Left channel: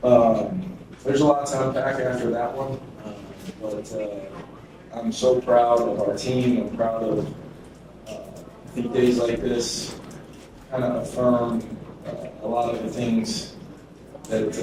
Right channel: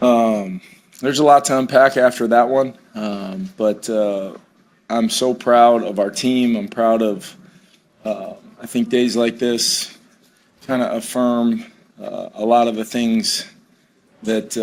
There's a lot to unpack after that one, but I'm so proud of our team. I'm proud of, I think days like this kind of affirm a lot of the things that,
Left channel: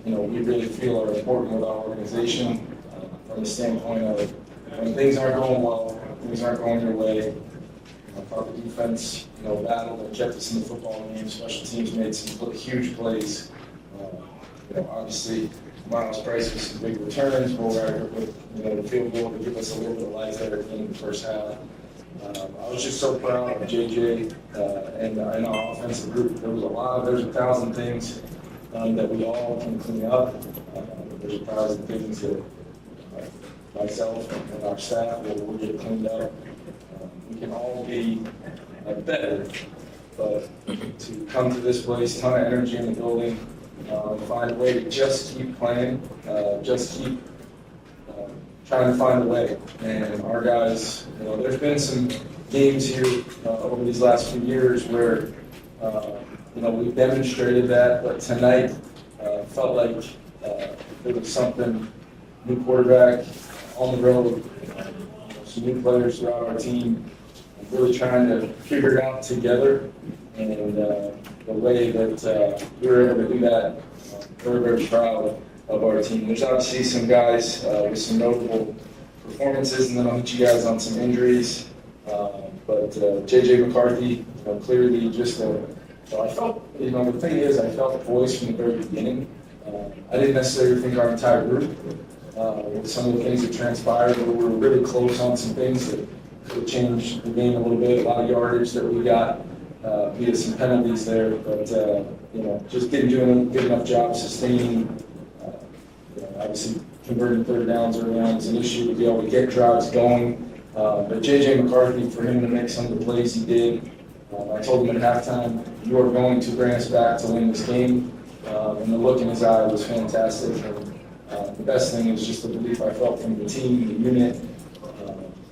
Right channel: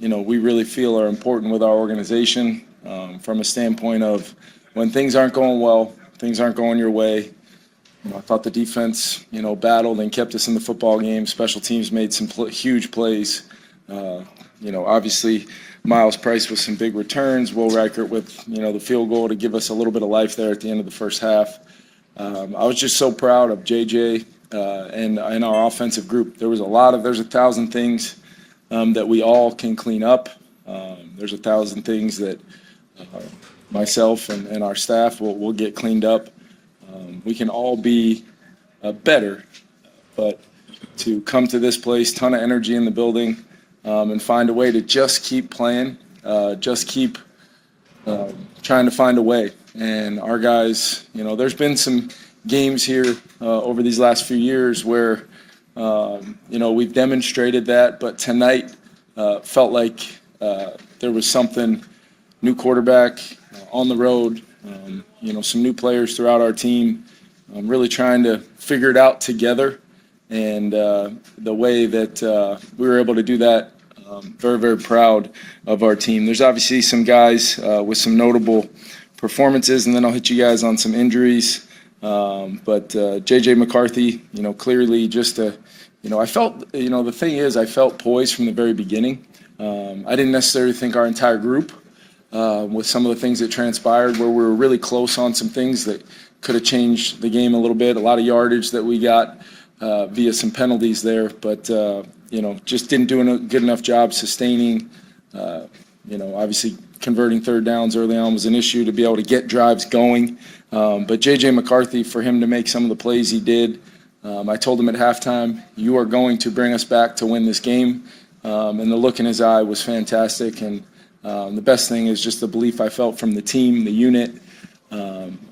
we really feel are important with our organization from a standpoint of when things aren't going well, things aren't going your way. I thought the defense, battled and kept us in the football game. Special teams made some huge plays. Obviously, Miles Price with some big returns. Will Reichert with, the field goal to give us a little bit of life there at the end of the first half. I was just so proud of JJ and our offensive group. There's 1,000 things that we all can clean up. There's 1,000 things that myself and our staff will get cleaned up. We can all be better, but to come to this place, ton of energy in the building, and find a way to just keep playing, just keep trying to find a way. And our guys, there's been some games here over these last few years where, we've demonstrated that, but tonight felt like there was something, new quarterback on the road, some new players throughout our team. I'm really trying to figure it out together, and the way that we were able to do that, very, very proud of our team. There's obviously some guys with some notable performances, and then I'll hit you guys on some injuries. But J.J. McCarthy, clearly just I felt, the thing is I felt poised from the very beginning. I didn't necessarily think our entire group, with some of the things that transpired, where we were really close on some things that could have changed the game a little bit. A lot of yardage that we got via some penalties there, but just didn't do a good enough job sustaining. Obviously converting third downs early on was an issue to be able to get drives going. But J.J. McCarthy, for him to make some of the plays he did, I told him at halftime, you are going to bring us back to win this game. And the look in his eye was fantastic. And the best thing is just the belief I felt from the team, the unit.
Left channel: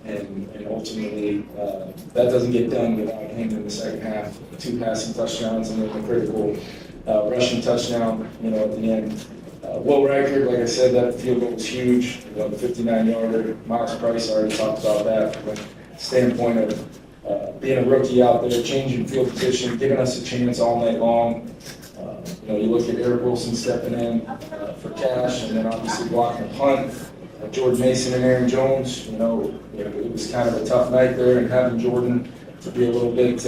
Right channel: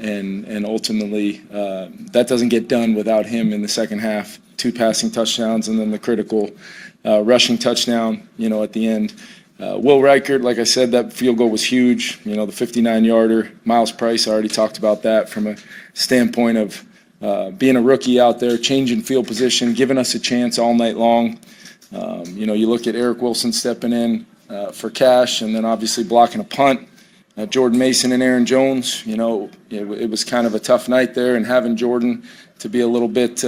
And ultimately, that doesn't get done without him in the second half. 2 passing touchdowns and then the critical rushing touchdown, at the end. Will Reichert, like I said, that field goal was huge. The 59-yarder. Miles Price, I already talked about that from a standpoint of being a rookie out there, changing field position, giving us a chance all night long. You look at Eric Wilson stepping in for Cash, and then obviously blocking a punt. Jordan Mason and Aaron Jones, it was kind of a tough night there, and having Jordan to be a little bit,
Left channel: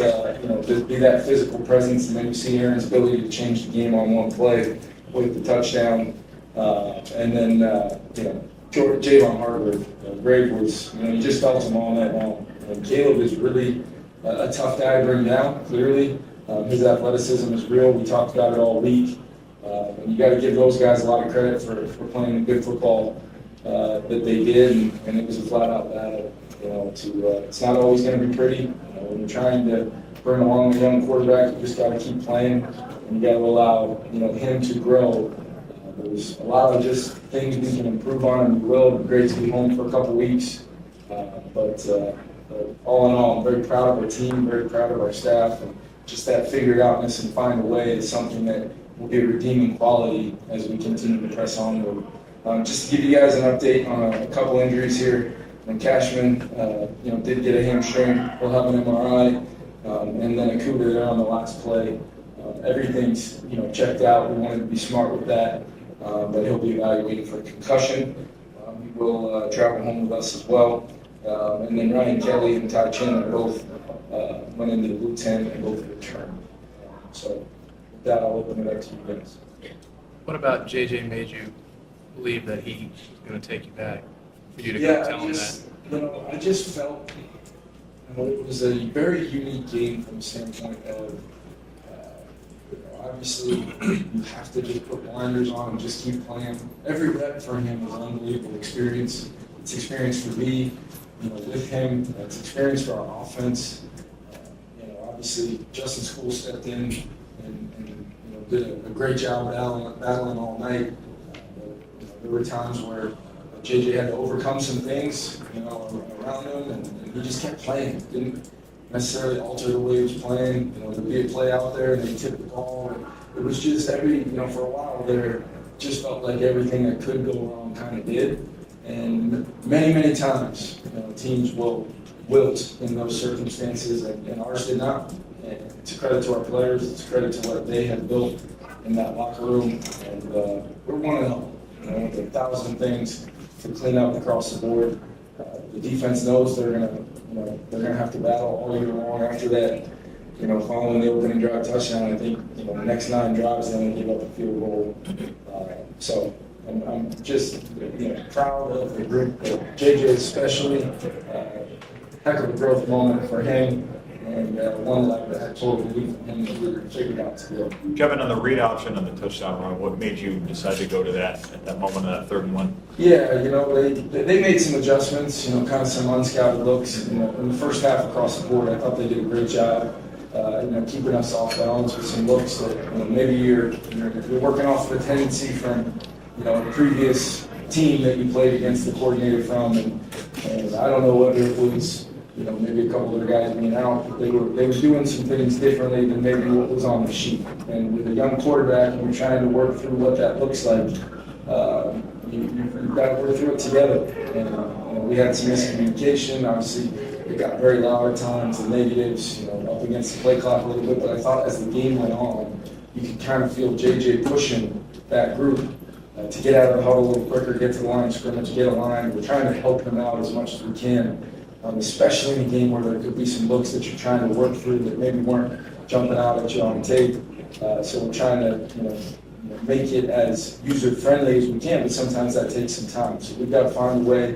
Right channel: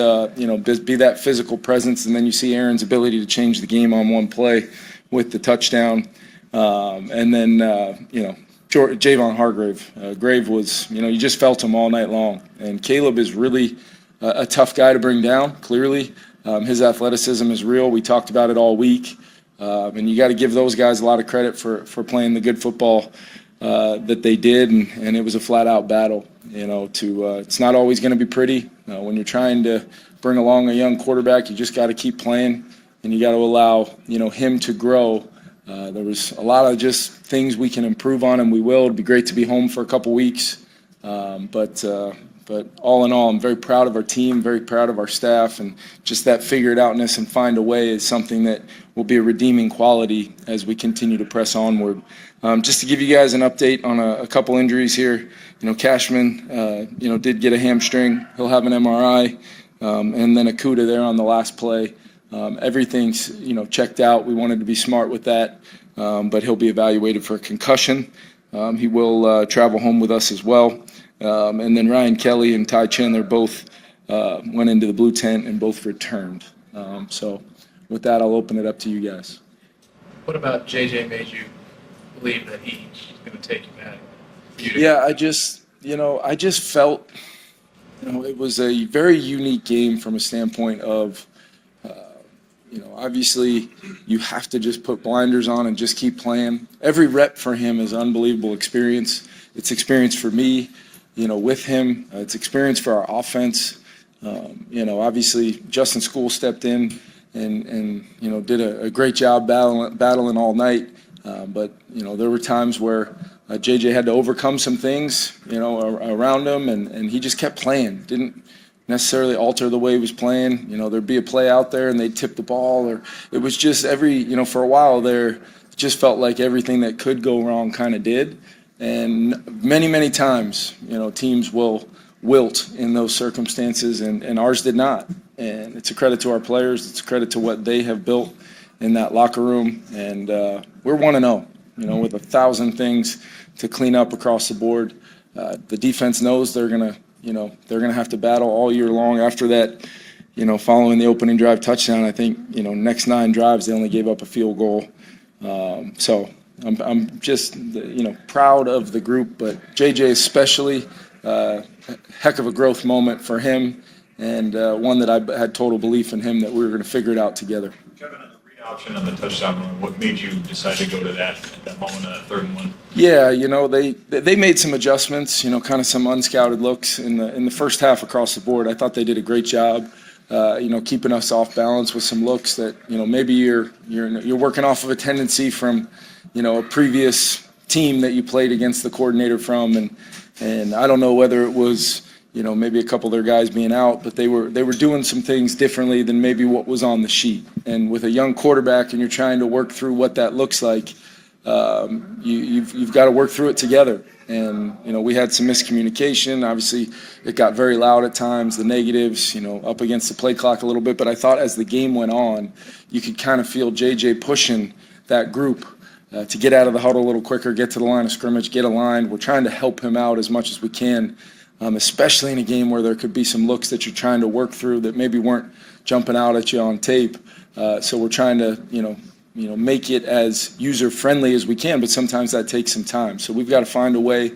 be that physical presence, and then you see Aaron's ability to change the game on one play with the touchdown. And then, Javon Hargrave. Grave was, you just felt him all night long. And Caleb is really a tough guy to bring down, clearly. His athleticism is real. We talked about it all week. And you got to give those guys a lot of credit for playing the good football that they did, and it was a flat-out battle. It's not always going to be pretty. When you're trying to bring along a young quarterback, you just got to keep playing, and you got to allow him to grow. There was a lot of just things we can improve on, and we will. It'd be great to be home for a couple weeks, but all in all, I'm very proud of our team, very proud of our staff, and just that figure it outness and find a way is something that will be a redeeming quality as we continue to press onward. Just to give you guys an update on a couple injuries here, Cashman, did get a hamstring. He'll have an MRI, and then Akuda there on the last play. Everything's, checked out. We wanted to be smart with that, but he'll be evaluated for a concussion. He will travel home with us as well. And then Ryan Kelly and Ty Chandler both went into the blue tent and both returned. So with that, I'll open it up to you guys. What about JJ made you believe that he's going to take you back? For you to I just felt, it was a very unique game from a standpoint of, obviously you have to just put blinders on and just keep playing. Every rep for him is unbelievable experience. It's experience for me, with him. It's experience for our offense. Obviously Justin School stepped in and did a great job battling all night. But there were times where JJ had to overcome some things, around him, and he just kept playing. Didn't necessarily alter the way he was playing. There'd be a play out there and they'd tip the ball, or it was just for a while there, just felt like everything that could go wrong kind of did. And many, many times, teams will wilt in those circumstances, and ours did not. And it's a credit to our players. It's a credit to what they have built in that locker room. And we're 1-0, with 1,000 things to clean up across the board. The defense knows they're gonna have to battle all year long. After that, following the opening drive touchdown, I think next 9 drives they only gave up a field goal. So I'm just proud of the group, but JJ especially, heck of a growth moment for him, and one that I had total belief in him that we were going to figure it out together. Kevin, on the read option on the touchdown run, what made you decide to go to that at that moment of that 3rd and 1? Yeah, they made some adjustments, kind of some unscouted looks in the first half across the board. I thought they did a great job, keeping us off balance with some looks that maybe you're working off of a tendency from a previous team that you played against the coordinator from, and I don't know whether it was maybe a couple of their guys being out, but they were doing some things differently than maybe what was on the sheet. And with a young quarterback, and you're trying to work through what that looks like, you've got to work through it together. And we had some miscommunication. Obviously, it got very loud at times. The negatives, up against the play clock a little bit. But I thought as the game went on, you could kind of feel JJ pushing that group to get out of the huddle a little quicker, get to the line of scrimmage, get aligned. We're trying to help him out as much as we can, especially in a game where there could be some looks that you're trying to work through that maybe weren't jumping out at you on tape. So we're trying to, make it as user-friendly as we can, but sometimes that takes some time. So we've got to find a way,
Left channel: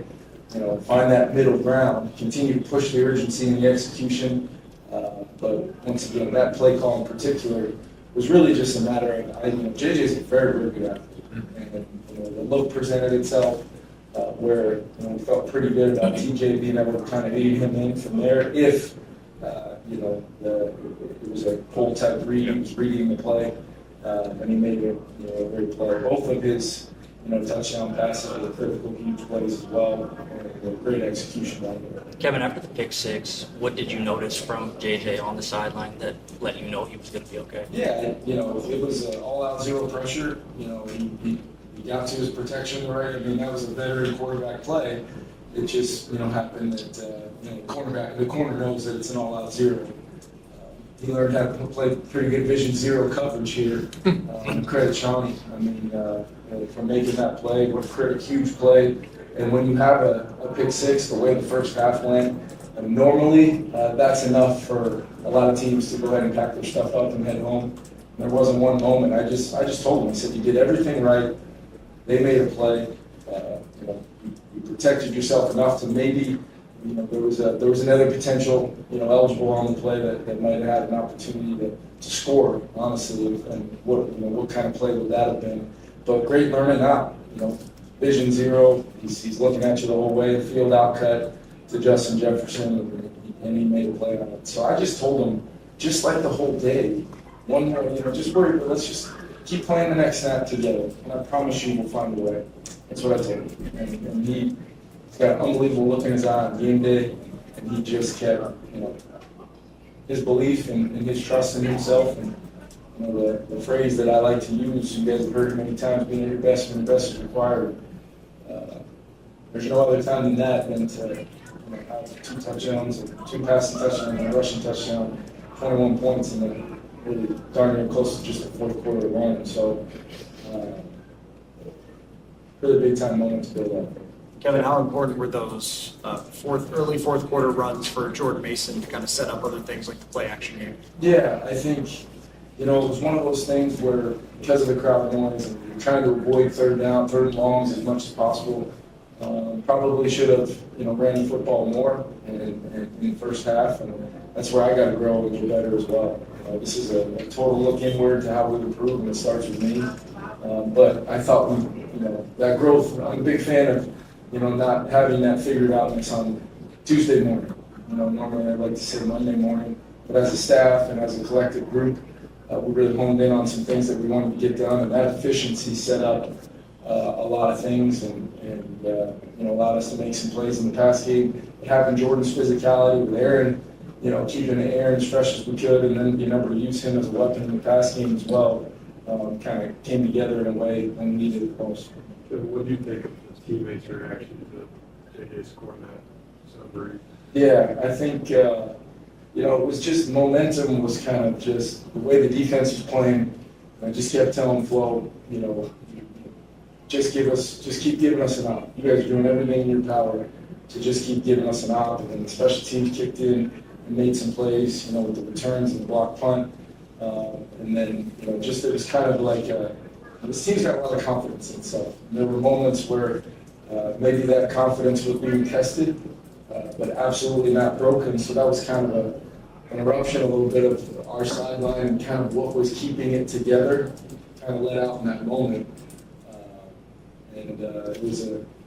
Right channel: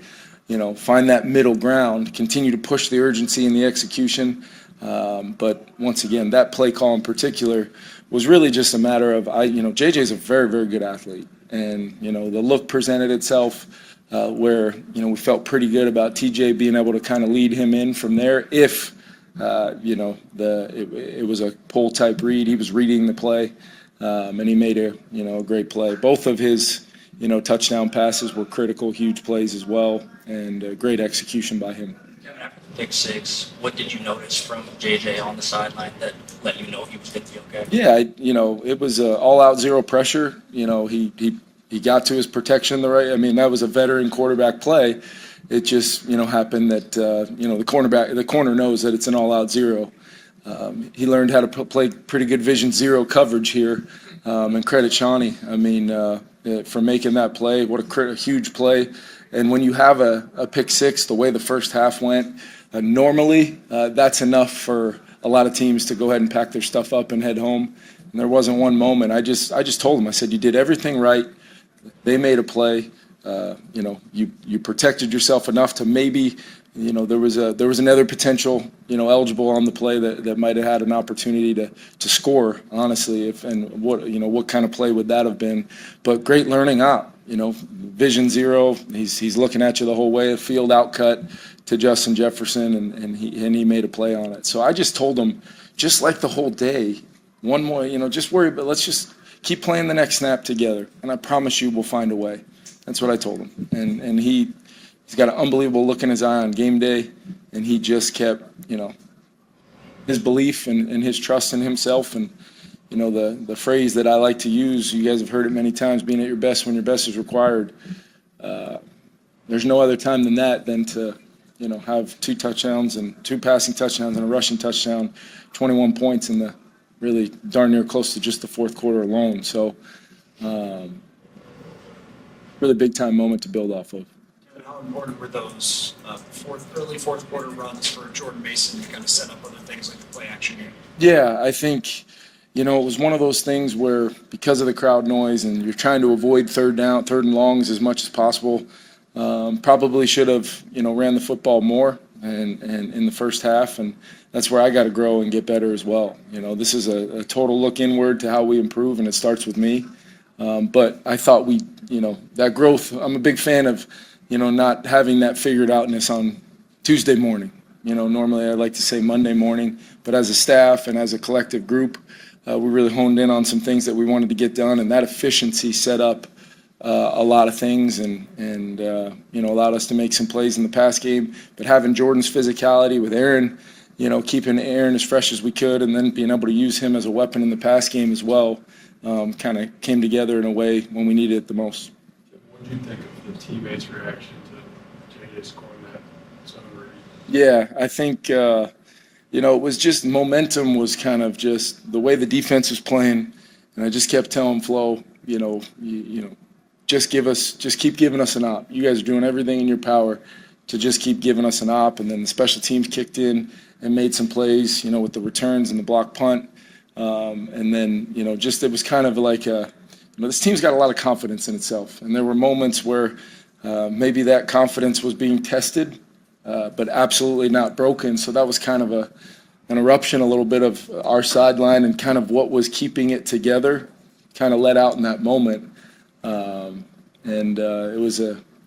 find that middle ground, continue to push the urgency in the execution. But once again, that play call in particular was really just a matter of, JJ's a very, very good athlete. And, the look presented itself where, we felt pretty good about TJ being able to kind of lead him in from there. If, it was a pull type read, he was reading the play, and he made a great play. Both of his, touchdown passes were critical, huge plays as well, and great execution by him. Kevin, after the pick 6, what did you notice from JJ on the sideline that let you know he was going to be okay? Yeah, it was all-out zero pressure. He got to his protection that was a veteran quarterback play. It just happened that the corner knows that it's an all-out zero. He learned how to play pretty good vision zero coverage here, and credit Shawnee. For making that play. What a huge play. And when you have a pick 6, the way the first half went, normally that's enough for a lot of teams to go ahead and pack their stuff up and head home. And there wasn't one moment. I just told them, I said, you did everything right. They made a play. You protected yourself enough to maybe, there was another potential, eligible on the play that might have had an opportunity to score, honestly. What kind of play would that have been? But great learning out, vision zero. He's looking at you the whole way. Field out cut to Justin Jefferson, and he made a play on it. So I just told him, just like the whole day, one more, just worry, but let's just keep playing the next snap together, and I promise you we'll find a way. That's what I told him. And he's got an unbelievable look in his eye on game day, and he just kept, his belief and his trust in himself. And, the phrase that I like to use, you guys have heard it many times, being at your best when your best is required. There's no other time than that than to, have 2 touchdowns and 2 passing touchdowns and a rushing touchdown, 21 points in the really darn near close to just the 4th quarter alone. So, really big time moment to build off of. Kevin, how important were those early fourth quarter runs for Jordan Mason to kind of set up other things like the play action game? Yeah, I think, it was one of those things where because of the crowd noise and you're trying to avoid third and longs as much as possible, probably should have, ran the football more and in the first half, and that's where I got to grow and get better as well. This is a total look inward to how we improve, and it starts with me. But I thought that growth, I'm a big fan of, not having that figured outness on Tuesday morning. Normally I like to say Monday morning, but as a staff and as a collective group, we really honed in on some things that we wanted to get done, and that efficiency set up a lot of things and allowed us to make some plays in the pass game. But having Jordan's physicality with Aaron, keeping Aaron as fresh as we could, and then being able to use him as a weapon in the pass game as well, kind of came together in a way when we needed it the most. What do you think of the teammates' reaction to JJ scoring that summer? Yeah, I think, it was just momentum was kind of just the way the defense was playing. And I just kept telling Flo, just keep giving us an op. You guys are doing everything in your power to just keep giving us an op. And then the special teams kicked in and made some plays, with the returns and the block punt. And then, it was kind of like this team's got a lot of confidence in itself. And there were moments where maybe that confidence was being tested, but absolutely not broken. So that was kind of an eruption, a little bit of our sideline and kind of what was keeping it together, kind of let out in that moment.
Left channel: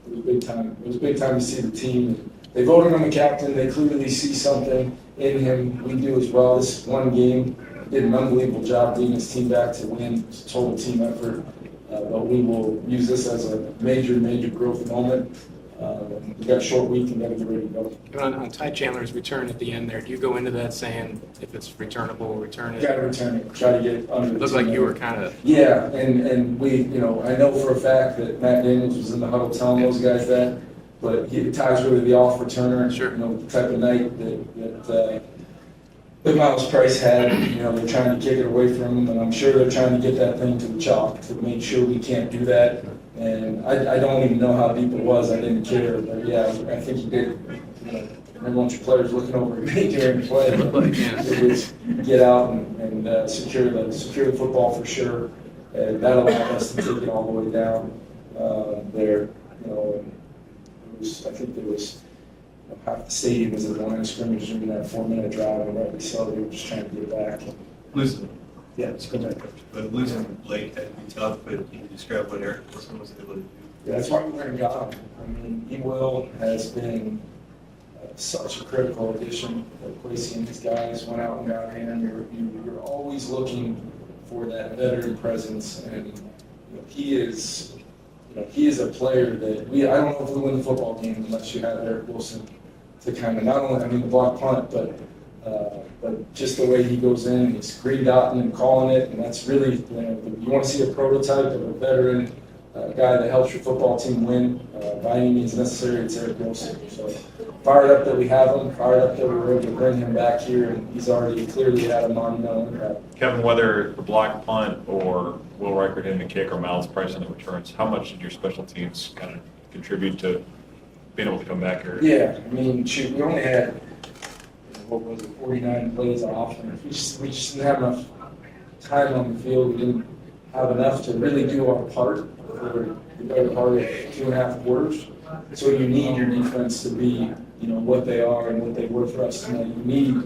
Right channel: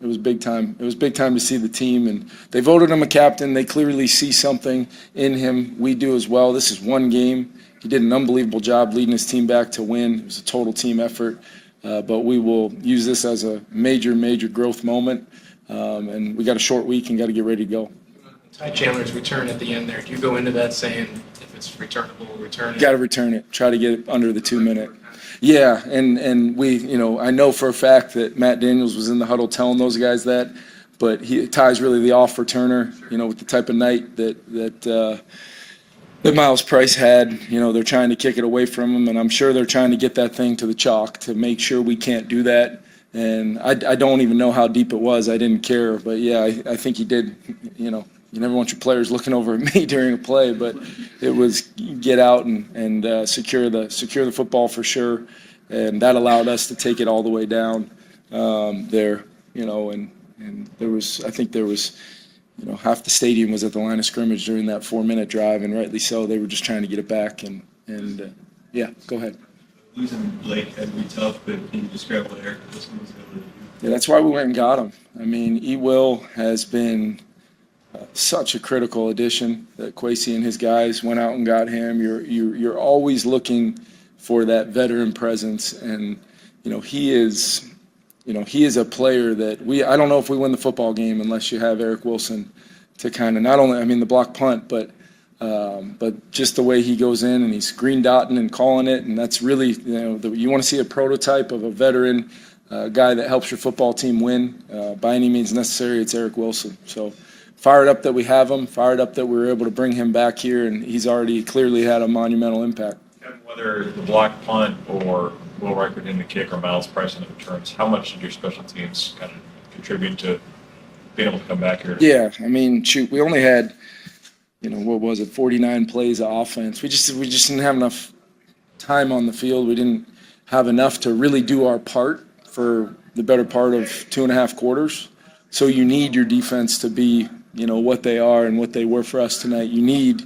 It was big time. It was big time to see the team, and they voted him a captain. They clearly see something in him. We do as well. This is one game. He did an unbelievable job leading his team back to win. It was a total team effort, but we will use this as a major, major growth moment. And we got a short week and got to get ready to go. On Ty Chandler's return at the end there, do you go into that saying if it's returnable, return it? Got to return it. Try to get it under the Looked 2 like minute. you were kind of. Yeah, and we, I know for a fact that Matt Daniels was in the huddle telling those guys that, but Ty's really the off returner. Sure. With the type of night that Miles Price had. They're trying to kick it away from him, and I'm sure they're trying to get that thing to the chalk to make sure we can't do that. And I don't even know how deep it was. I didn't care, but yeah, I think he did. You never want your players looking over at me during a play, but it was get out and secure the football for sure, and that allowed us to take it all the way down there. And there was half the stadium was at the line of scrimmage during that 4-minute drive, and rightly so. They were just trying to get it back. Yeah, go ahead. But losing Blake had to be tough, but can you describe what Eric Wilson was able to do? Yeah, that's why we went and got him. I mean, E-Will has been such a critical addition that Kwesi and his guys went out and got him. You're always looking for that veteran presence, and he is a player that I don't know if we win the football game unless you have Eric Wilson to kind of not only the block punt, but just the way he goes in and he's green dotting and calling it, and that's really you want to see a prototype of a veteran guy that helps your football team win by any means necessary. It's Eric Wilson. So fired up that we have him, fired up that we were able to bring him back here, and he's already clearly had a monumental impact. Kevin, whether the block punt or Will Reichert in the kick or Miles Price in the returns, how much did your special teams kind of contribute to being able to come back here? Yeah, we only had 49 plays of offense. We just didn't have enough time on the field. We didn't have enough to really do our part for the better part of 2.5 quarters. So you need your defense to be, what they are and what they were for us tonight. You need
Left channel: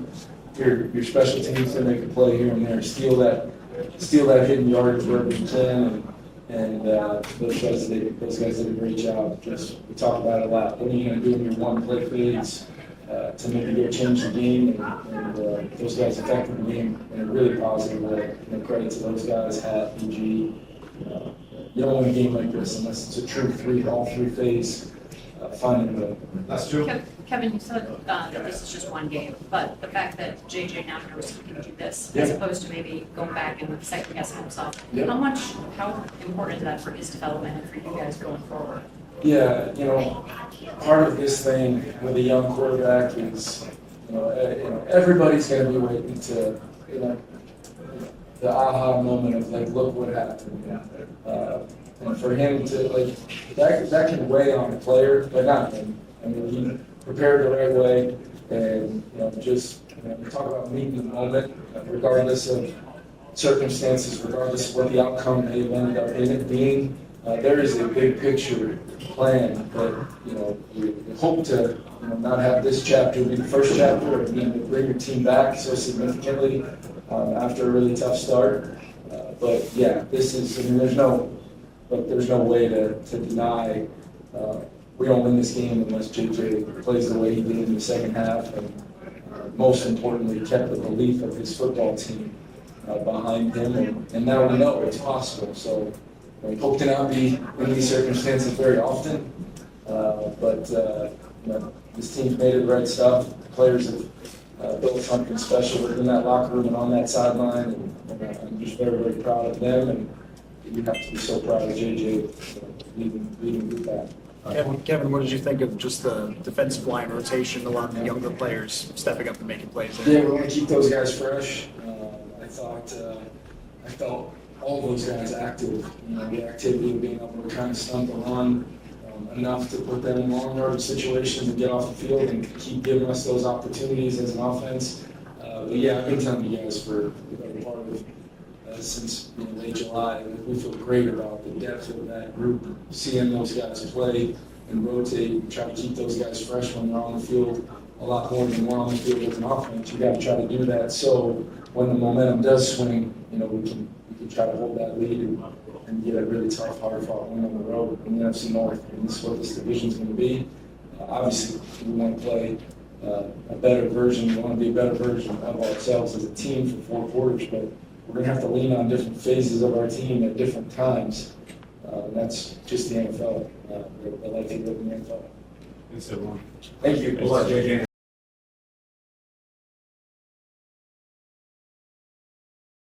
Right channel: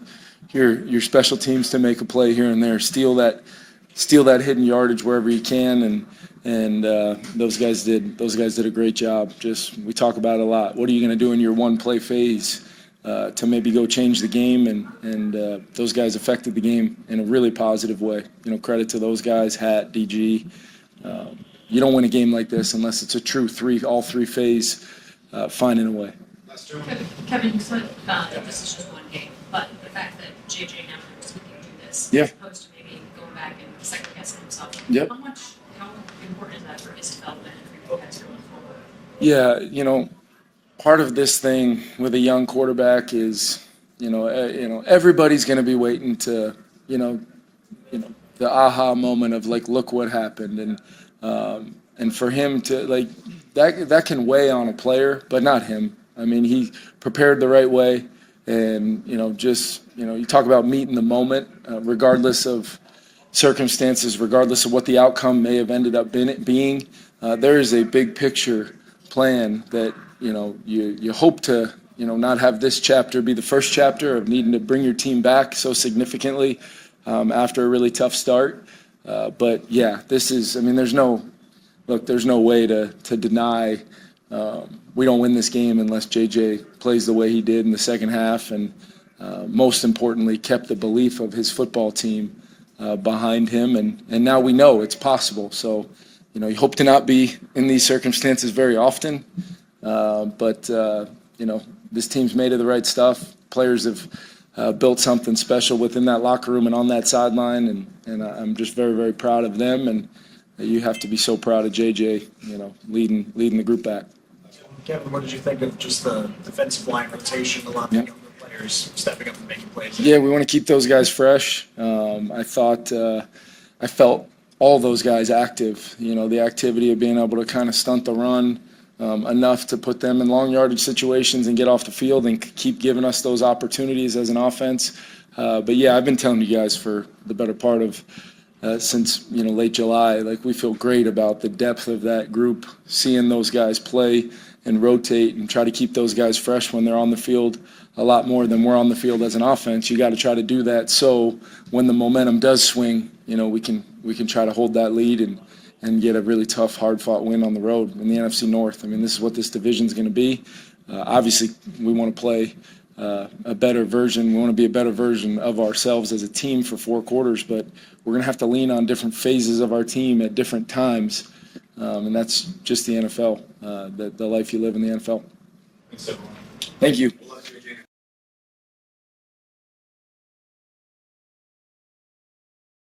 your special teams to make a play here and there, steal that hidden yardage wherever you can, and those guys did a great job. We talk about it a lot. What are you going to do in your one play phase to maybe go change the game? And those guys affected the game in a really positive way. Credit to those guys, Hat, DG. You don't win a game like this unless it's a true all three phase finding a way. That's true. Kevin, you said that this is just one game, but the fact that JJ now knows he can do this, Yeah. as opposed to maybe going back and second guessing himself, Yep. how important is that for his development and for you guys going forward? Yeah, part of this thing with a young quarterback is, everybody's going to be waiting to, the aha moment of look what happened, and for him to that can weigh on a player, but not him. He prepared the right way, and you talk about meeting the moment, regardless of circumstances, regardless of what the outcome may have ended up being. There is a big picture plan that you hope to not have this chapter be the first chapter of needing to bring your team back so significantly after a really tough start. But yeah, this is there's no way to deny we don't win this game unless JJ plays the way he did in the second half, and most importantly kept the belief of his football team behind him, and now we know it's possible. So you hope to not be in these circumstances very often, but this team's made of the right stuff. Players have built something special within that locker room and on that sideline, and I'm just very, very proud of them. And you have to be so proud of JJ, leading the group back. Kevin, what did you think of just the defensive line rotation, a lot of the younger players stepping up and making plays? Yeah, we want to keep those guys fresh. I felt all those guys active. The activity of being able to kind of stunt the run enough to put them in long yardage situations and get off the field and keep giving us those opportunities as an offense. But yeah, I've been telling you guys for the better part of since late July, like we feel great about the depth of that group, seeing those guys play and rotate and try to keep those guys fresh when they're on the field a lot more than we're on the field as an offense. You got to try to do that so when the momentum does swing, we can try to hold that lead and get a really tough, hard-fought win on the road in the NFC North. I mean, this is what this division's going to be. Obviously, we want to play a better version. We want to be a better version of ourselves as a team for 4 quarters, but we're going to have to lean on different phases of our team at different times, and that's just the NFL, the life you live in the NFL. Thank you.